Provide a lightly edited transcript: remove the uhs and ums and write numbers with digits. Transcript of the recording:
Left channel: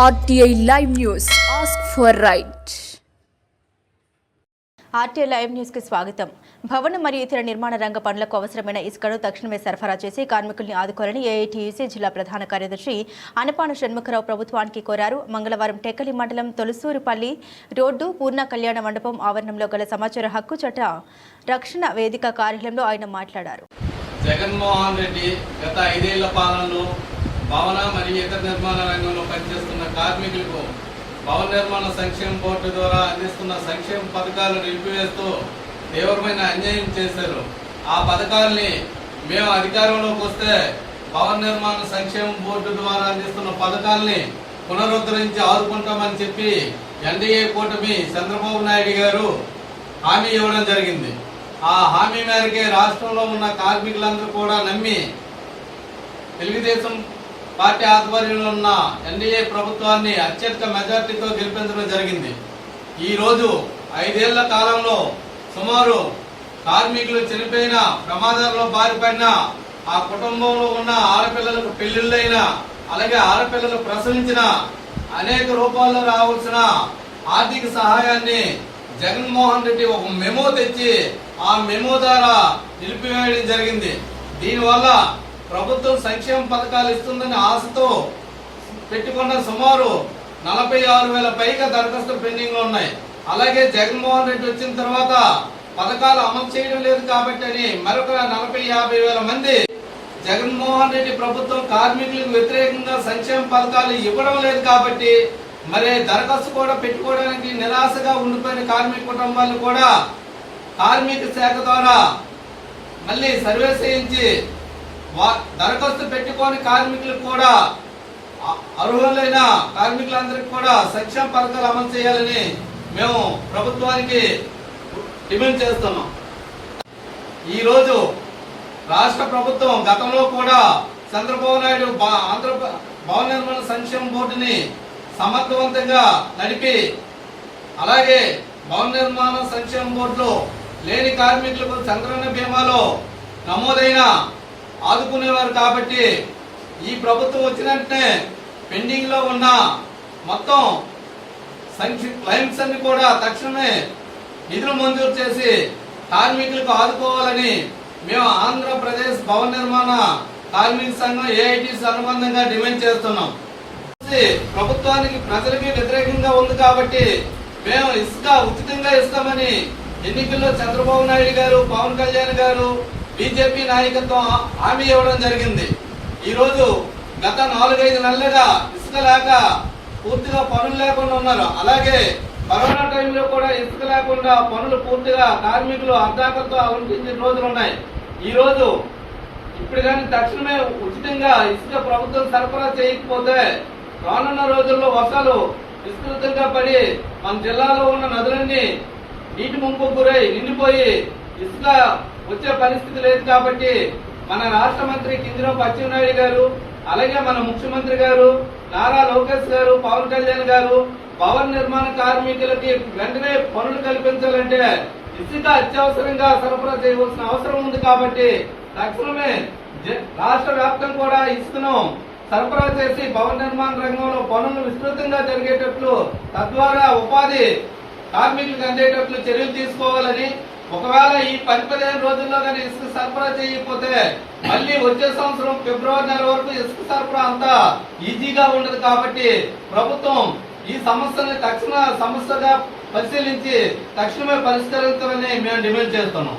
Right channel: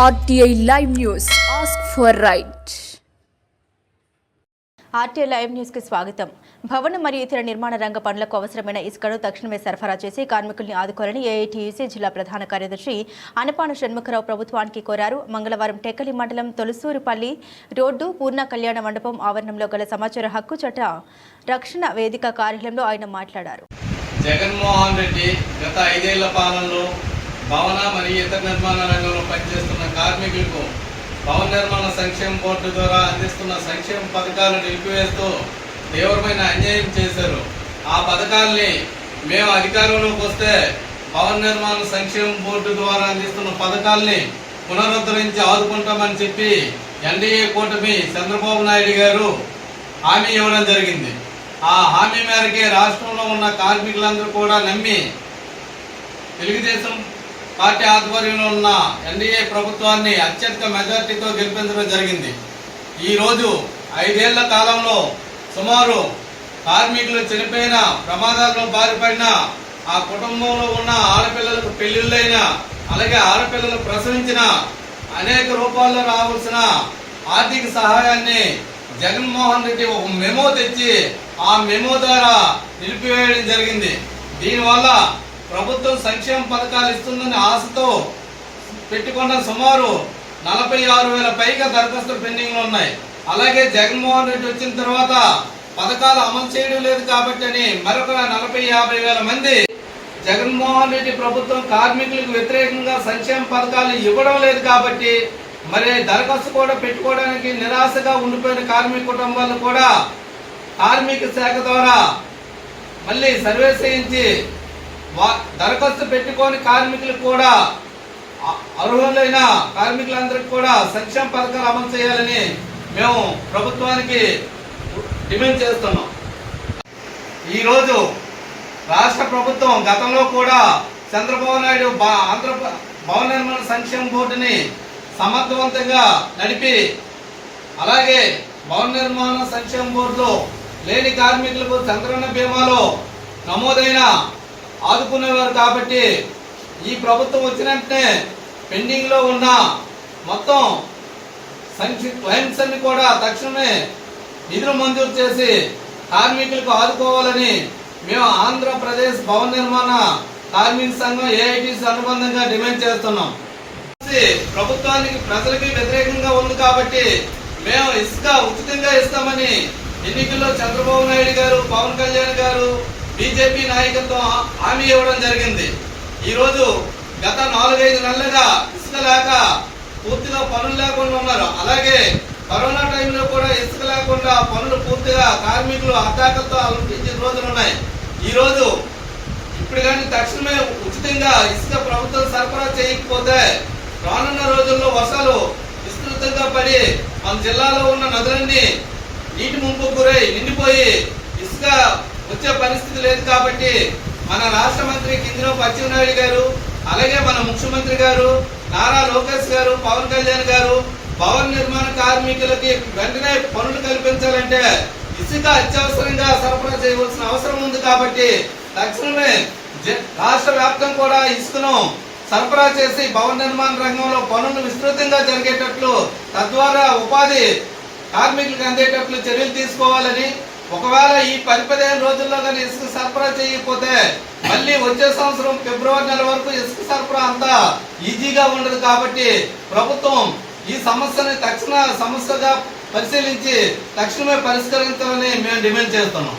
RTI Live News. Ask for right. RTI live news కి స్వాగతం. భవన మరియు ఇతర నిర్మాణ రంగ పనులకు అవసరమైన ఇసుకను తక్షణమే సరఫరా చేసి కార్మికుల్ని ఆదుకోవాలని ఏఐటీయూసీ జిల్లా ప్రధాన కార్యదర్శి అనపాన షణ్ముఖరావు ప్రభుత్వానికి కోరారు. మంగళవారం టెక్కలి మండలం తొలసూరుపల్లి రోడ్డు పూర్ణ కళ్యాణ మండపం ఆవరణంలో గల సమాచార హక్కు చట్ట రక్షణ వేదిక కార్యాలయంలో ఆయన మాట్లాడారు. జగన్మోహన్ రెడ్డి గత 5 ఏళ్ల పాలనలో భవన మరియు ఇతర నిర్మాణ రంగంలో పనిచేస్తున్న కార్మికులకు భవన నిర్మాణ సంక్షేమ బోర్డు ద్వారా అందిస్తున్న సంక్షేమ పథకాలు నిలిపివేస్తూ తీవ్రమైన అన్యాయం చేశారు. ఆ పథకాల్ని మేము అధికారంలోకి వస్తే భవన నిర్మాణ సంక్షేమ బోర్డు ద్వారా అందిస్తున్న పథకాల్ని పునరుద్ధరించి ఆదుకుంటామని చెప్పి ఎన్డీఏ కూటమి చంద్రబాబు నాయుడు గారు హామీ ఇవ్వడం జరిగింది. ఆ హామీ మేరకే రాష్ట్రంలో ఉన్న కార్మికులందరూ కూడా నమ్మి తెలుగుదేశం పార్టీ ఆధ్వర్యంలో ఉన్న ఎన్డీఏ ప్రభుత్వాన్ని అత్యధిక మెజార్టీతో గెలిపించడం జరిగింది. ఈరోజు 5 ఏళ్ల కాలంలో సుమారు కార్మికులు చనిపోయిన, ప్రమాదాల్లో బారిపడిన, ఆ కుటుంబంలో ఉన్న ఆడపిల్లలకు పెళ్లిళ్ళైన, అలాగే ఆడపిల్లలు ప్రసవించిన, అనేక రూపాల్లో రావాల్సిన ఆర్థిక సహాయాన్ని జగన్మోహన్ రెడ్డి ఒక మెమో తెచ్చి ఆ మెమో ద్వారా నిలిపివేయడం జరిగింది. దీనివల్ల ప్రభుత్వం సంక్షేమ పథకాలు ఇస్తుందని ఆశతో పెట్టుకున్న సుమారు 46,000 పైగా దరఖాస్తులు పెండింగ్లో ఉన్నాయి. అలాగే జగన్మోహన్ రెడ్డి వచ్చిన తర్వాత పథకాలు అమలు చేయడం లేదు కాబట్టి అని మరొక 40,000-50,000 మంది జగన్మోహన్ రెడ్డి ప్రభుత్వం కార్మికులకు వ్యతిరేకంగా సంక్షేమ పథకాలు ఇవ్వడం లేదు కాబట్టి మరి దరఖాస్తు కూడా పెట్టుకోవడానికి నిరాశగా ఉండిపోయిన కార్మిక కుటుంబాలను కూడా కార్మిక శాఖ ద్వారా మళ్ళీ సర్వే చేయించి దరఖాస్తు పెట్టుకొని కార్మికులకు కూడా అర్హులైన కార్మికులందరికీ కూడా సంక్షేమ పథకాలు అమలు చేయాలని మేము ప్రభుత్వానికి డిమాండ్ చేస్తున్నాం. ఈరోజు రాష్ట్ర ప్రభుత్వం గతంలో కూడా చంద్రబాబు నాయుడు ఆంధ్ర భవన నిర్మాణ సంక్షేమ బోర్డుని సమర్థవంతంగా నడిపి, అలాగే భవన నిర్మాణ సంక్షేమ బోర్డులో లేని కార్మికులకు చంద్రన్న బీమాలో నమోదైన ఆదుకునేవారు కాబట్టి ఈ ప్రభుత్వం వచ్చిన వెంటనే పెండింగ్ లో ఉన్న మొత్తం క్లైమ్స్ అన్ని కూడా తక్షణమే నిధులు మంజూరు చేసి కార్మికులకు ఆదుకోవాలని మేము ఆంధ్రప్రదేశ్ భవన నిర్మాణ కార్మిక సంఘం ఏఐటీసీ అనుబంధంగా డిమాండ్ చేస్తున్నాం. ప్రభుత్వానికి ప్రజలకి వ్యతిరేకంగా ఉంది కాబట్టి మేము ఇసుక ఉచితంగా ఇస్తామని ఎన్నికల్లో చంద్రబాబు నాయుడు గారు, పవన్ కళ్యాణ్ గారు, బీజేపీ నాయకత్వం హామీ ఇవ్వడం జరిగింది. ఈరోజు గత 4-5 నెలలుగా ఇసుక లేక పూర్తిగా పనులు లేకుండా ఉన్నారు. అలాగే కరోనా టైంలో కూడా ఇసుక లేకుండా పనులు పూర్తిగా కార్మికులు అర్ధాకలతో అలంకరించిన రోజులు ఉన్నాయి. ఈరోజు ఇప్పుడు కానీ తక్షణమే ఉచితంగా ఇసుక ప్రభుత్వం సరఫరా చేయకపోతే రానున్న రోజుల్లో వర్షాలు విస్తృతంగా పడి మన జిల్లాలో ఉన్న నదులన్నీ నీటి ముంపుకు గురై నిండిపోయి ఇసుక వచ్చే పరిస్థితి లేదు కాబట్టి మన రాష్ట్ర మంత్రి కింజరాపు అచ్చెన్నాయుడు గారు, అలాగే మన ముఖ్యమంత్రి గారు నారా లోకేష్ గారు, పవన్ కళ్యాణ్ గారు భవన నిర్మాణ కార్మికులకి వెంటనే పనులు కల్పించాలంటే ఇసుక అత్యవసరంగా సరఫరా చేయవలసిన అవసరం ఉంది కాబట్టి తక్షణమే రాష్ట్ర వ్యాప్తం కూడా ఇసుకను సరఫరా చేసి భవన నిర్మాణ రంగంలో పనులు విస్తృతంగా జరిగేటట్లు, తద్వారా ఉపాధి కార్మికులకు అందేటట్లు చర్యలు తీసుకోవాలని, ఒకవేళ ఈ 10-15 రోజుల్లో కానీ ఇసుక సరఫరా చేయకపోతే మళ్ళీ వచ్చే సంవత్సరం ఫిబ్రవరి నెల వరకు ఇసుక సరఫరా అంతా ఈజీగా ఉండదు కాబట్టి ప్రభుత్వం ఈ సమస్యని తక్షణ సమస్యగా పరిశీలించి తక్షణమే పరిష్కరించాలని మేము డిమాండ్ చేస్తున్నాం.